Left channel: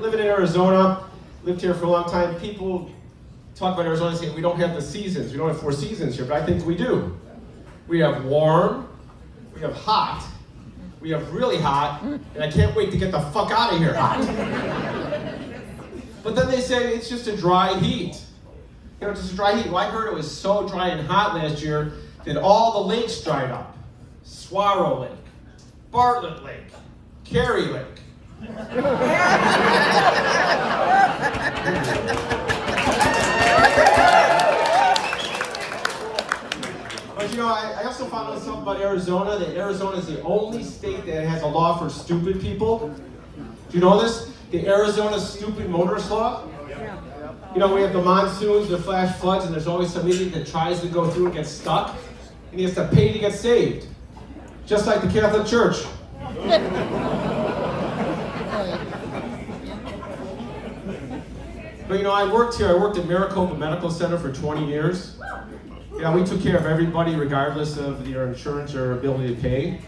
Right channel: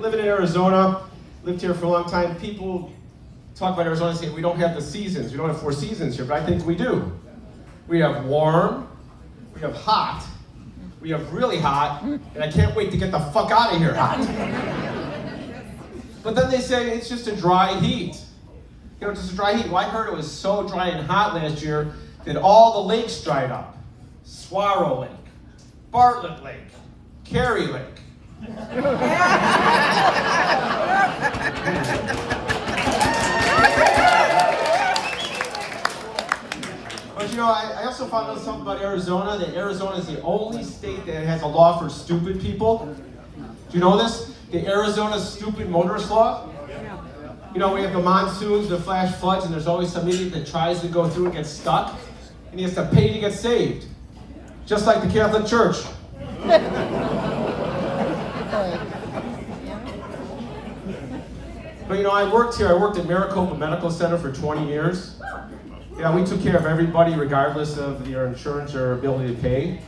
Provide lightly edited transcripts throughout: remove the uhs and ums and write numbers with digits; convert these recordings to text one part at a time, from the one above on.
Living in Arizona, lived here for a long time. People talk about Arizona and say we don't have the seasons. We don't have 4 seasons here, but I think we do. We have warm, we have hot, we have really hot, and I can't wait to get the fuck out of here hot. But then they say it's just a dry heat. You know, just a dry heat. Well, I heard it was so dry and hot last year that all the lakes dried up. Swallow Lake, Bartlett Lake, Cary Lake. But you know, I also found out something about Arizona, that Arizona is the only state that has a law for stupid people. Do you know this? The Arizona stupid motorist law? You know, we have the monsoons, the flash floods, and there's always some idiot that tries to go through and gets stuck, and he has to pay to get saved. Just like the Catholic Church. But you know, I worked at Maricopa Medical Center for 20 years. Yeah, we took care of everybody regardless of their insurance or ability to pay.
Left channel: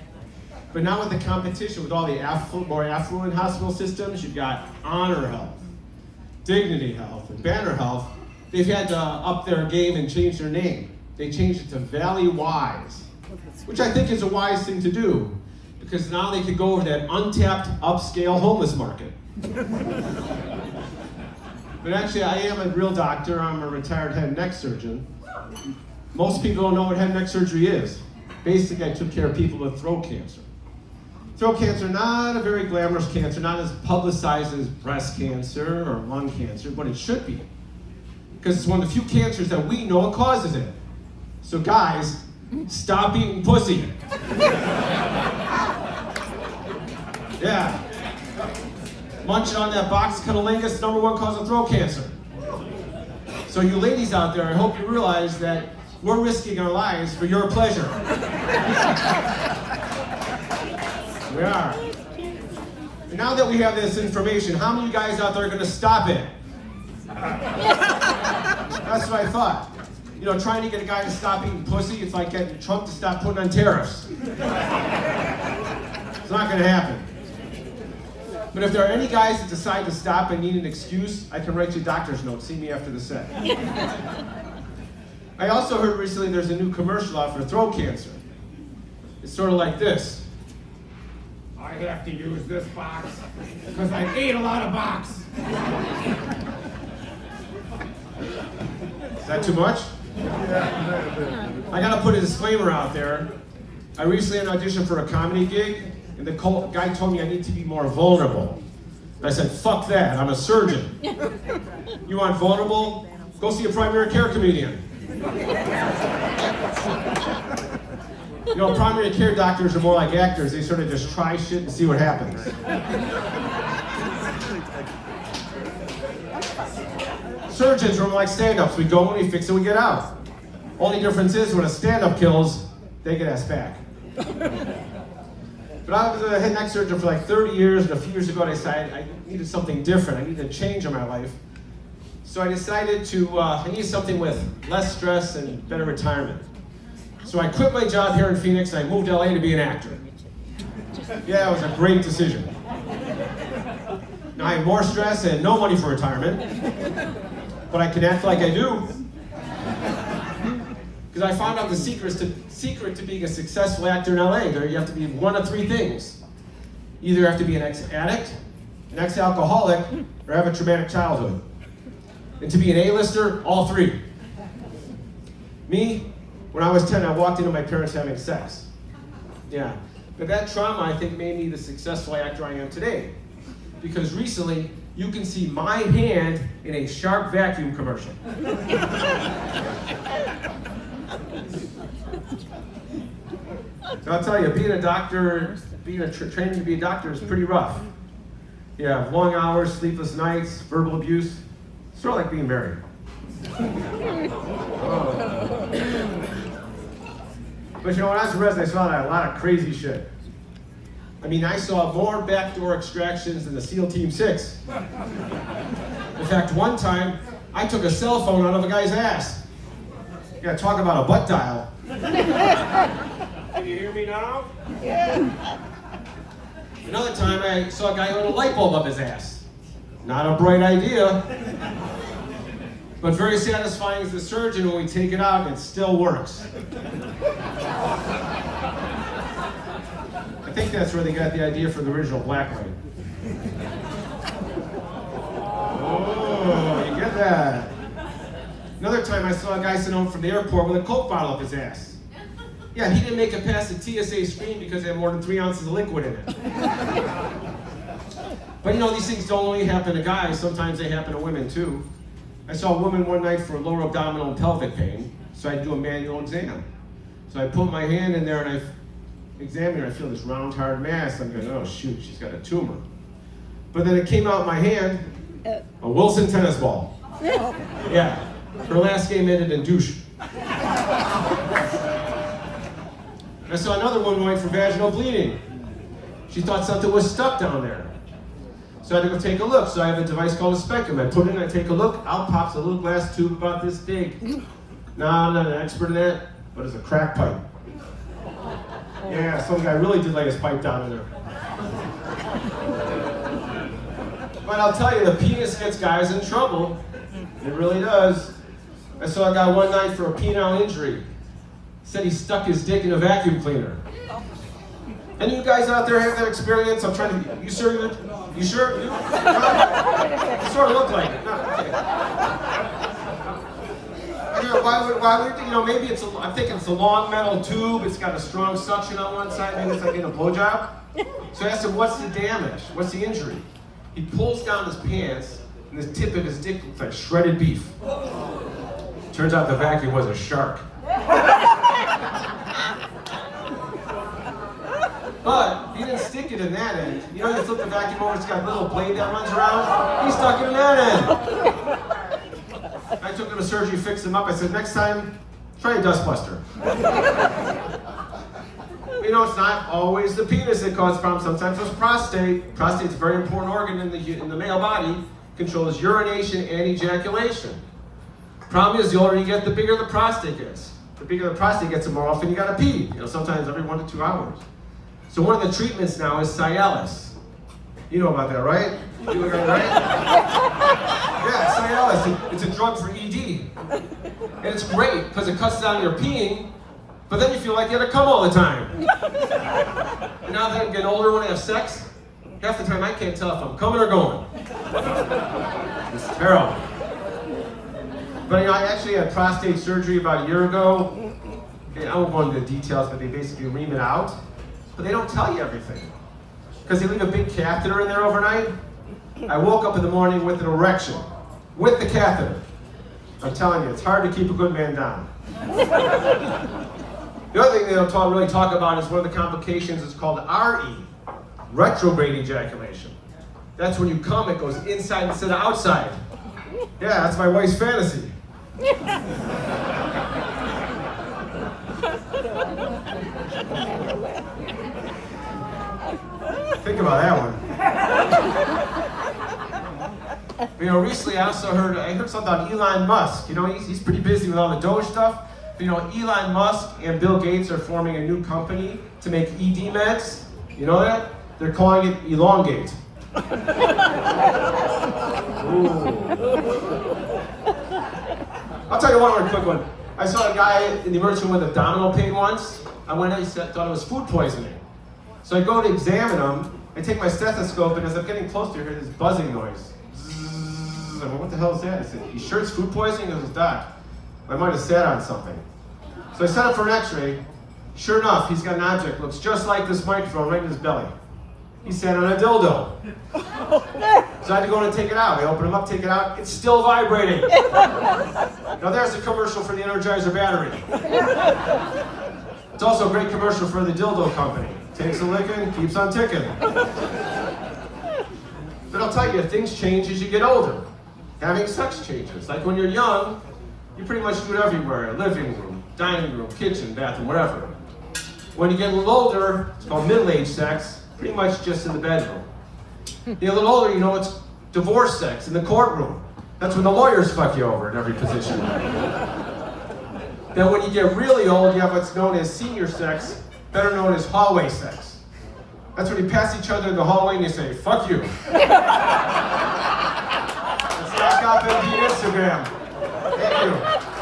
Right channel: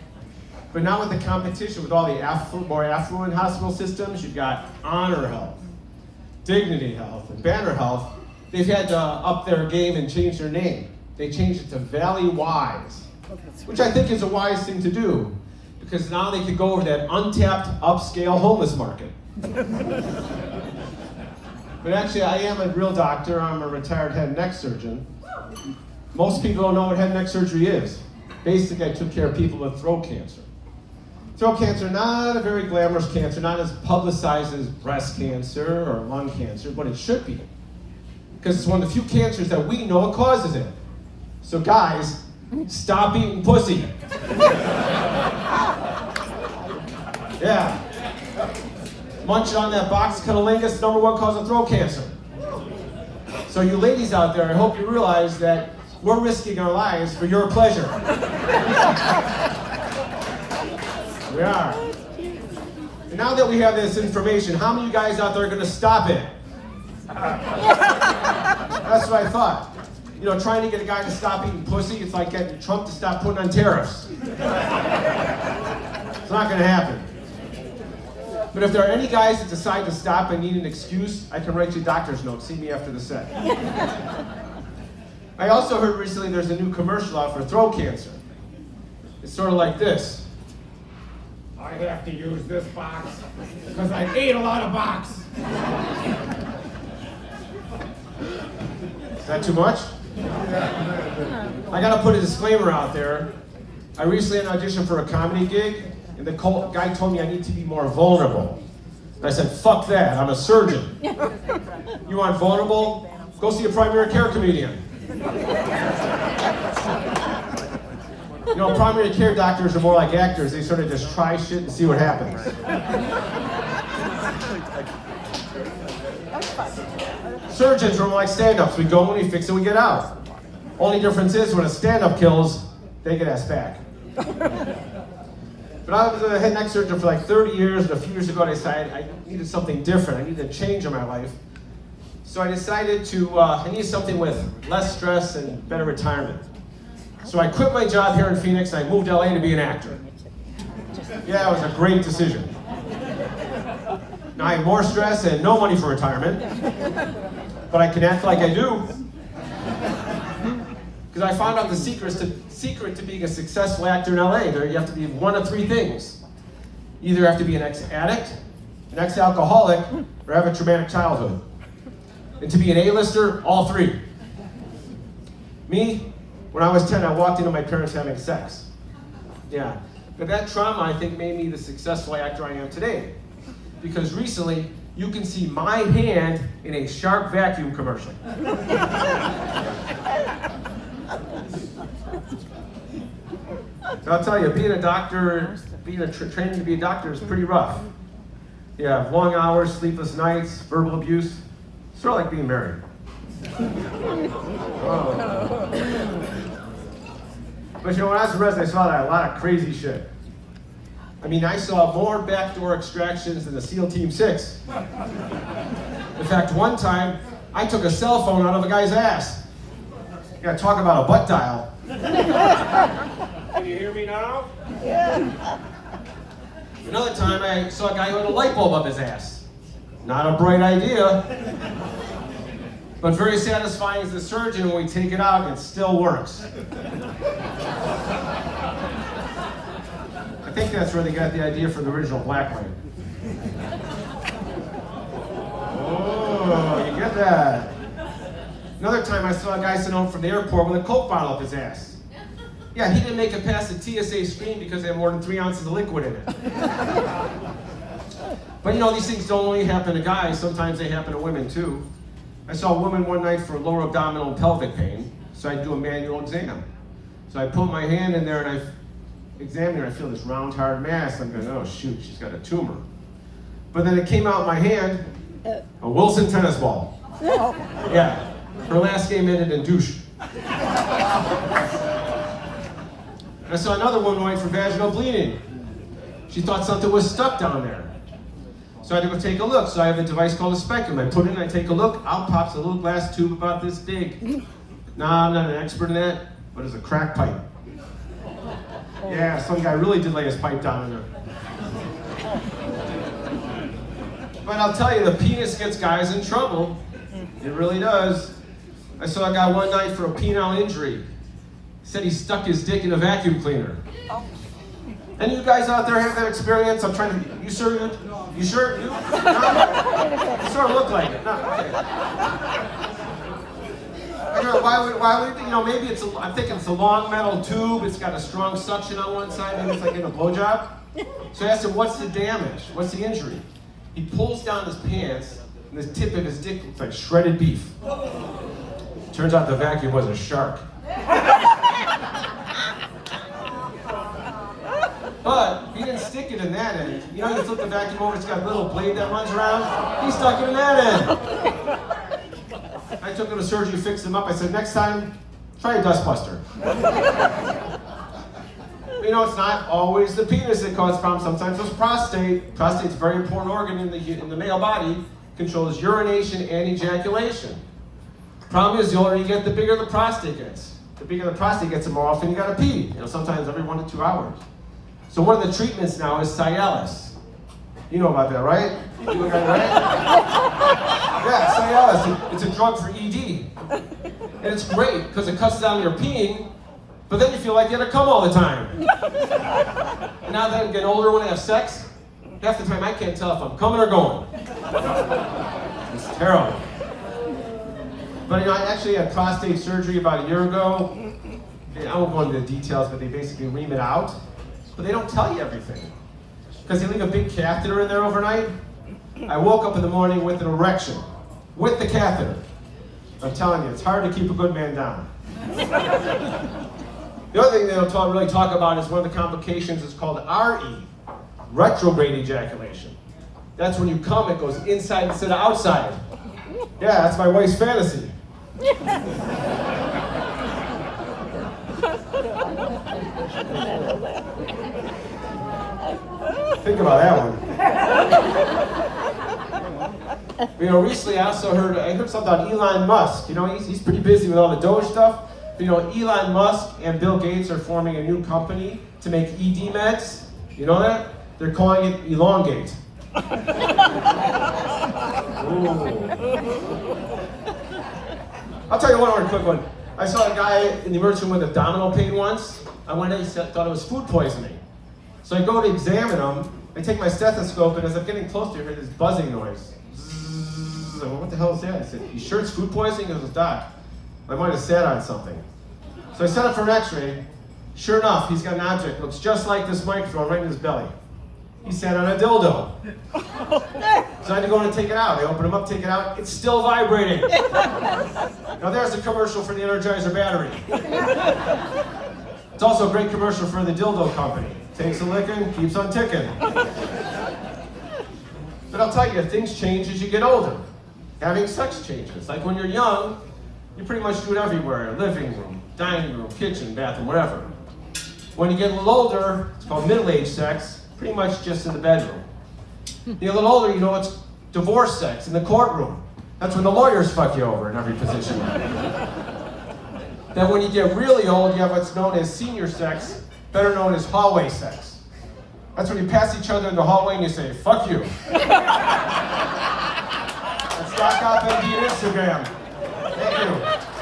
But now with the competition, with all the more affluent hospital systems, you've got Honor Health, Dignity Health, and Banner Health. They've had to up their game and change their name. They changed it to Valley Wise, which I think is a wise thing to do, because now they can go over that untapped, upscale homeless market. But actually, I am a real doctor. I'm a retired head and neck surgeon. Most people don't know what head and neck surgery is. Basically, I took care of people with throat cancer. Throat cancer, not a very glamorous cancer, not as publicized as breast cancer or lung cancer, but it should be. Because it's one of the few cancers that we know what causes it. So guys, stop eating pussy. Yeah. Munching on that box cunnilingus, #1 cause of throat cancer. So you ladies out there, I hope you realize that we're risking our lives for your pleasure. We are. And now that we have this information, how many of you guys out there are going to stop it? That's what I thought. You know, trying to get a guy to stop eating pussy, it's like getting Trump to stop putting on tariffs. It's not going to happen. But if there are any guys that decide to stop and need an excuse, I can write you a doctor's note. See me after the set. I also heard recently there's a new commercial out for throat cancer. It's sort of like this. I have to use this box because I ate a lot of box. Is that too much? I gotta put a disclaimer out there. I recently had an audition for a comedy gig, and the guy told me I need to be more vulnerable. And I said, fuck that, I'm a surgeon. You want vulnerable? Go see a primary care comedian. You know, primary care doctors are more like actors. They sort of just try shit and see what happens. Surgeons are more like stand-ups. We go and we fix it, we get out. Only difference is when a stand-up kills, they get asked back. But I was a head and neck surgeon for like 30 years, and a few years ago I decided I needed something different. I needed a change in my life. So I decided I needed something with less stress and better retirement. So I quit my job here in Phoenix and I moved to LA to be an actor. Yeah, it was a great decision. Now I have more stress and no money for retirement, but I can act like I do. Because I found out the secret to being a successful actor in LA. You have to be one of 3 things. Either you have to be an ex-addict, an ex-alcoholic, or have a traumatic childhood. And to be an A-lister, all 3. Me, when I was 10, I walked into my parents having sex. Yeah. But that trauma, I think, made me the successful actor I am today. Because recently, you can see my hand in a Shark vacuum commercial. So I'll tell you, being a doctor, training to be a doctor is pretty rough. Yeah, long hours, sleepless nights, verbal abuse. Sort of like being married. Oh. But you know, when I was a resident, I saw a lot of crazy shit. I mean, I saw more backdoor extractions than the SEAL Team 6. In fact, one time, I took a cell phone out of a guy's ass. Yeah, talk about a butt dial. Can you hear me now? Yeah. Another time I saw a guy who had a light bulb up his ass. Not a bright idea, but very satisfying as a surgeon when we take it out and it still works. I think that's where they got the idea for the original blacklight. Oh, you get that. Another time I saw a guy sent home from the airport with a Coke bottle up his ass. Yeah, he didn't make it past the TSA screen because it had more than 3 ounces of liquid in it. But you know, these things don't only happen to guys, sometimes they happen to women too. I saw a woman one night for lower abdominal and pelvic pain, so I do a manual exam. So I put my hand in there and I examine her, I feel this round, hard mass. I'm going, oh shoot, she's got a tumor. But then it came out in my hand, a Wilson tennis ball. Yeah, her last game ended in douche. I saw another woman went for vaginal bleeding. She thought something was stuck down there. So I had to go take a look. So I have a device called a speculum. I put it in, I take a look, out pops a little glass tube about this big. No, I'm not an expert in that, but it's a crack pipe. Yeah, some guy really did lay his pipe down in there. But I'll tell you, the penis gets guys in trouble. It really does. I saw a guy one night for a penile injury. He said he stuck his dick in a vacuum cleaner. Any of you guys out there have that experience? I'm trying to, you sure? You sure? You? No? You sort of look like it. No, okay. And why would, you know, maybe it's I'm thinking it's a long metal tube, it's got a strong suction on one side, maybe it's like in a blowjob. So I asked him, what's the damage? What's the injury? He pulls down his pants, and the tip of his dick looks like shredded beef. Turns out the vacuum was a shark. But he didn't stick it in that end. You know, you flip the vacuum over, it's got a little blade that runs around. He stuck it in that end. I took him to surgery, fixed him up. I said, next time, try a dustbuster. You know, it's not always the penis that causes problems. Sometimes it's prostate. Prostate's a very important organ in the male body. Controls urination and ejaculation. Problem is, the older you get, the bigger the prostate gets. The bigger the prostate gets, the more often you gotta pee. You know, sometimes every 1 to 2 hours. So one of the treatments now is Cialis. You know about that, right? You got it, right? Yeah, Cialis. It's a drug for ED. And it's great because it cuts down your peeing, but then you feel like you have to come all the time. And now that I'm getting older when I have sex, half the time I can't tell if I'm coming or going. It's terrible. But you know, I actually had prostate surgery about a year ago. I won't go into the details, but they basically ream it out. But they don't tell you everything. Because they leave a big catheter in there overnight. I woke up in the morning with an erection, with the catheter. I'm telling you, it's hard to keep a good man down. The other thing they don't really talk about is one of the complications is called RE, retrograde ejaculation. That's when you come, it goes inside instead of outside. Yeah, that's my wife's fantasy. Think about that one. You know, recently I heard something about Elon Musk. You know, he's pretty busy with all the Doge stuff. But you know, Elon Musk and Bill Gates are forming a new company to make ED meds. You know that? They're calling it Elongate. Ooh. I'll tell you one more quick one. I saw a guy in the emergency room with abdominal pain once. I went in, he thought it was food poisoning. So I go to examine him, I take my stethoscope, and as I'm getting close to her, I hear this buzzing noise. Zzz. I went, what the hell is that? I said, you sure it's food poisoning? It was Doc. I might have sat on something. So I set up for an x-ray. Sure enough, he's got an object, looks just like this microphone right in his belly. He sat on a dildo. So I had to go in and take it out. I open him up, take it out, it's still vibrating. Now there's a commercial for the Energizer battery. It's also a great commercial for the dildo company. Takes a licking, keeps on ticking. But I'll tell you, things change as you get older. Having sex changes. Like when you're young, you pretty much do it everywhere. Living room, dining room, kitchen, bathroom, wherever. When you get a little older, it's called middle-age sex, pretty much just in the bedroom. You get a little older, you know, it's divorce sex in the courtroom. That's when the lawyers fuck you over in every position. Then when you get really old, you have what's known as senior sex, better known as hallway sex. That's when you pass each other in the hallway and you say, fuck you. That's Doc Op MD Instagram. Thank you.